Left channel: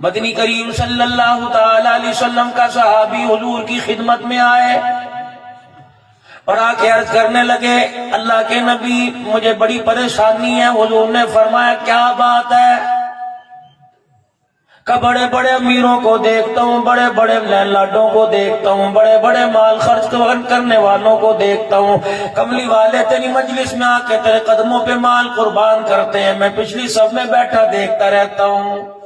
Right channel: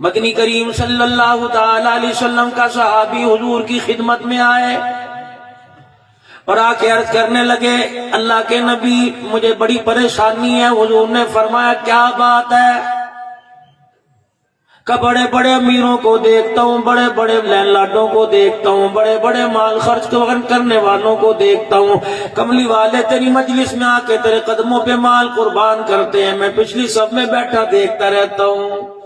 مدنی کریم صلی اللہ تعالی علیہ وسلم کا صحابی حضور کی خدمت میں آئے اور آ کے عرض کرنے لگے اللہ کے نبی مجھے بڑی پریشانی ہے۔ حضور نے فرمایا کیا بات ہے؟ کہ بڑے بڑے امیروں کو دیکھتا ہوں، بڑے بڑے لاڈوں کو دیکھتا ہوں، بڑے بڑے مال خرچ کرنے والوں کو دیکھتا ہوں، کملی والے تیری مجلس میں آ کے تیرے قدموں پہ مال قربان کرتے ہیں، میں پچھلی صف میں بیٹھا دیکھتا رہتا ہوں۔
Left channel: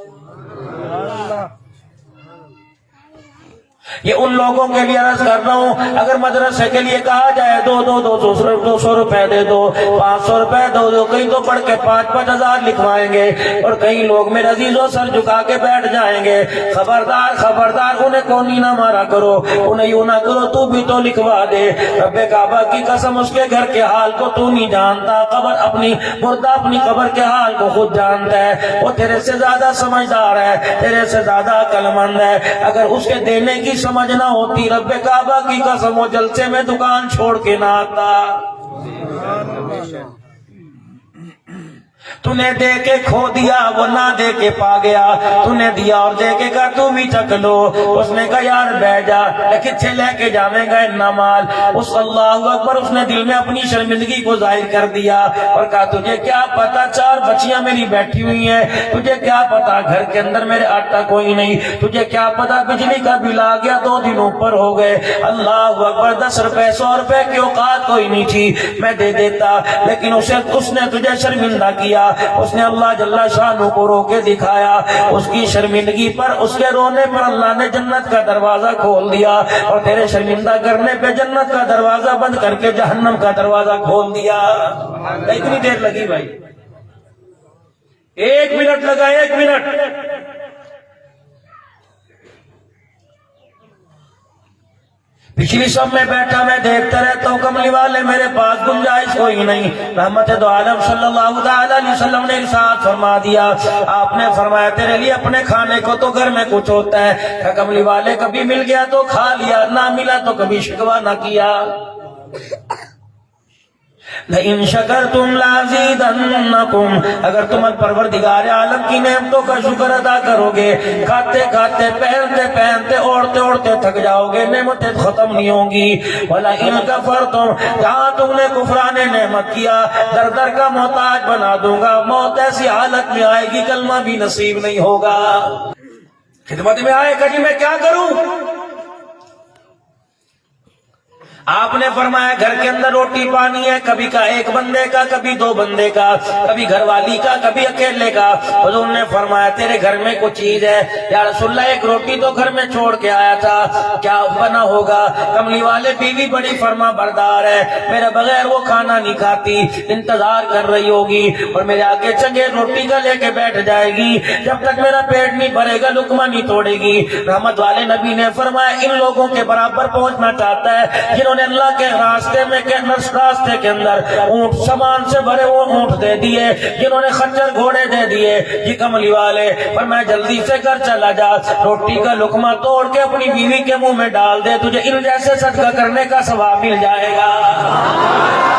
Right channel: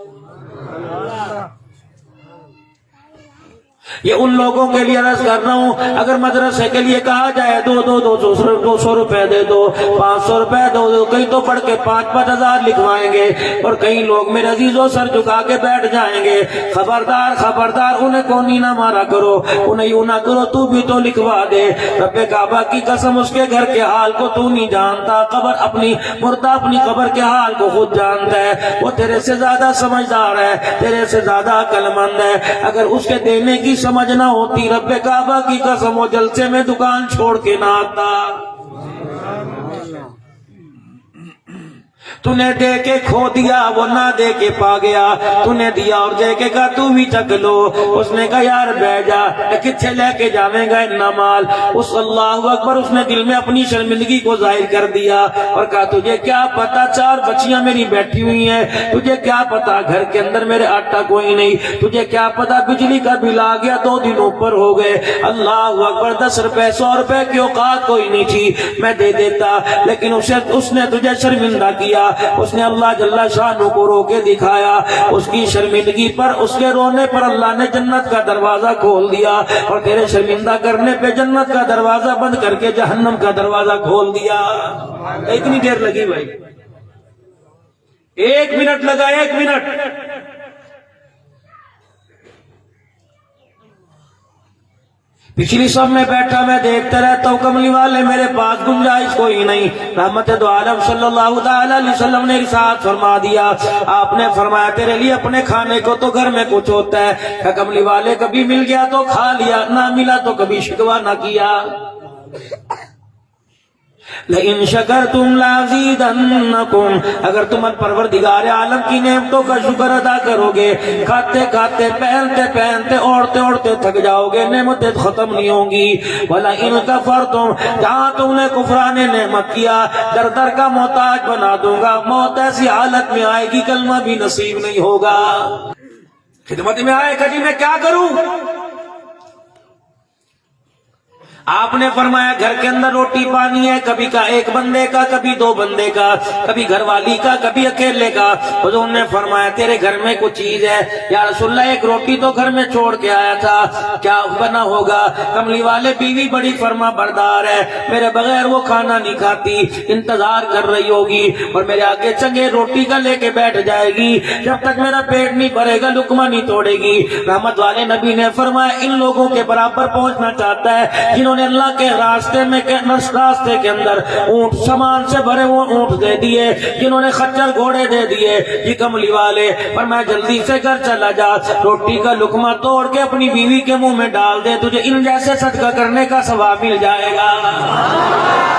یہ ان لوگوں کے لیے عرض کر رہا ہوں اگر مدرسے کے لیے کہا جائے دو سو روپے دے دو، 500 روپے دو، کہیں تو پڑھ کے 5,000 لکھوائیں گے اور کئی لوگ میرے عزیزوں سر جھکا کے بیٹھ جائیں گے۔ خبردار خبردار، انہیں کونی نہ مارا کرو، انہیں یوں نہ کرو، تو بھی تو لکھوا دے۔ رب کعبہ کی قسم اس کے گھر کے حال کو تو نہیں جانتا، قبر اپنی مردہ اپنی قبر کے حال کو خود جانتا ہے، وہ تیرے سے زیادہ سمجھدار ہے، تیرے سے زیادہ عقل مند ہے۔ اگر اس کے دینے کی سمجھ نہ ہوتی رب کعبہ کی قسم وہ جلسے میں دکان چھوڑ کے نہ آتا۔ تو نے دے کے کھو دیا، وہ نہ دے کے پا گیا، تو نے دیا اور دے کے کہا تو بھی چک لو۔ اس نے کہا یار بیٹھ جا، کتنے لے کے جاویں گا اتنا مال؟ اس اللہ اکبر، اس نے دل میں اپنی شرمندگی کو ظاہر کر دیا اور کہا تجھے کیا پتا 4 بچیاں میری بیٹھی ہوئی ہیں، تجھے کیا پتا گھر کے اندر میرے آٹا کوئی نہیں، تجھے کیا پتا بجلی کا بل آ گیا 2 دن اوپر ہو گئے۔ اللہ اکبر، 10 روپے 100 روپے کی اوقات کوئی نہیں تھی، میں دے دیتا، لیکن اس نے تجھے شرمندہ کیا۔ اس نے اللہ جل شانہ کو رو کے دکھایا، اس کی شرمندگی پر، اس کے رونے پر اللہ نے جنت کا دروازہ کھول دیا اور تیرے شرمندہ کرنے پہ جنت کا دروازہ بند کر کے جہنم کا دروازہ کھول دیا۔ اتنی دیر لگی بھائی، 1 منٹ لگا، 1 منٹ۔ پچھلی سب میں بیٹھا میں دیکھتے رہتا ہوں، کملی والے میرے پاس گنجائش کوئی نہیں۔ رحمت دو عالم صلی اللہ تعالی علیہ وسلم نے ارشاد فرما دیا، آپ نے فرمایا تیرے لیے اپنے کھانے کو تو گھر میں کچھ ہوتا ہے، کہ کملی والے کبھی مل گیا تو کھا لیا، نہ ملا تو کبھی شکوہ نہ کیا۔ لئن شکرتم لازیدنکم، اگر تم پروردگار عالم کی نعمتوں کا شکر ادا کرو گے، کھاتے کھاتے پہنتے پہنتے اوڑھتے اوڑھتے تھک جاؤ گے، نعمتیں ختم نہیں ہوں گی۔ وَلَئِن کَفَرْتُمْ، جہاں تم نے کفران نعمت کیا در در کا محتاج بنا دوں گا، موت ایسی حالت میں آئے گی کلمہ بھی نصیب نہیں ہوگا۔ خدمت میں آئے کہ جی میں کیا کروں؟ آپ نے فرمایا گھر کے اندر روٹی پانی ہے، کبھی کا 1 بندے کا، کبھی 2 بندے کا، کبھی گھر والی کا، کبھی اکیلے کا۔ حضور نے فرمایا تیرے گھر میں کچھ چیز ہے، یا رسول اللہ 1 روٹی تو گھر میں چھوڑ کے آیا تھا، کیا بنا ہوگا؟ کملی والے بیوی بڑی فرما بردار ہے، میرے بغیر وہ کھانا نہیں کھاتی، انتظار کر رہی ہوگی اور میرے آگے چنگے روٹی کا لے کے بیٹھ جائے گی، جب تک میرا پیٹ نہیں بھرے گا لقمہ نہیں توڑے گی۔ رحمت والے نبی نے فرمایا ان لوگوں کے برابر پہنچنا چاہتا ہے جنہوں نے اللہ کے راستے کے اندر اونٹ سامان سے بھرے وہ اونٹ دے دیے، جنہوں نے خچر گھوڑے دے دیے۔ یہ کملی والے فرمایا جلدی سے گھر چلا جا، روٹی کا لقمہ توڑ کے اپنی بیوی کے منہ میں ڈال دے، تجھے ان جیسے صدقہ کرنے کا ثواب مل جائے گا۔